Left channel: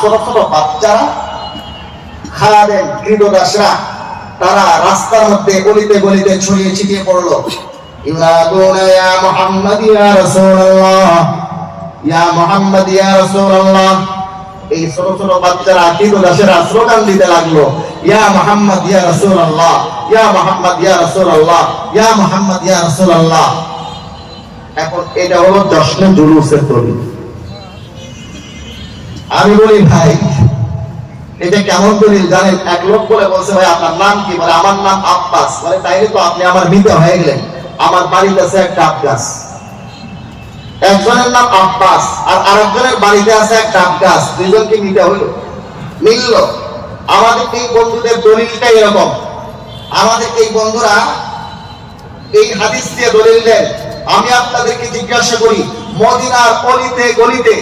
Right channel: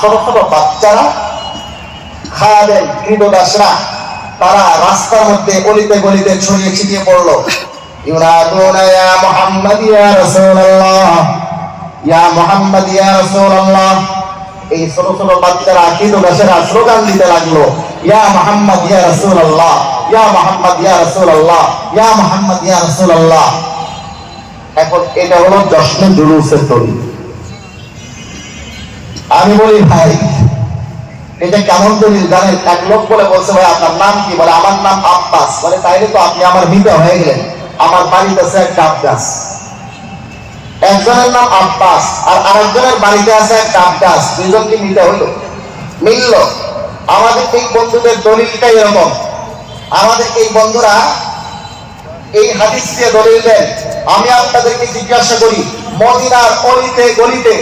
ছোট ছোট বাচ্চারা খাদেম কৃতদাসরা তারা রাস্তার মধ্যে গলিতে গলিতে ছড়িয়ে ছিটিয়ে পড়লো। ইউনাদুনা ইয়া মুহাম্মদ ইয়া রাসূলুল্লাহ, ইয়া মুহাম্মদ ইয়া রাসূলুল্লাহ। এই ছোট ছোট বাচ্চারা কৃতদাসেরা স্লোগান দিতে লাগলো, ইয়া মুহাম্মদ ইয়া রাসূলুল্লাহ, ইয়া মুহাম্মদ ইয়া রাসূলুল্লাহ, ইয়া মুহাম্মদ ইয়া রাসূলুল্লাহ। এখন এটা হলো জশ্নে জুলুসের তরি। আমি বলি ভাই এটা কেমন দলিল জানেন? এক লোক বলে বলছে, ভাই আপনার নাম কি? বলে আমার নাম আব্বাস। বলে তাইলে তো আপনি আমার মিতা হয়ে গেলেন, আমার বাড়িতে আছে একটা আব্বাস। একজনের নাম আব্বাস আর আরেকজনের বাড়িতে আছে একটা আব্বাস, দুজন কি মিতা হইল? মিলল। আমাদের এই বন্ধুদের দলিলটাই এরকম। আমাদের এই বন্ধুরা এই হাদিস দিয়ে দলিল দেন। আমি আপনাদেরকে জিজ্ঞাসা করি, মদিনার অলিতে গলিতে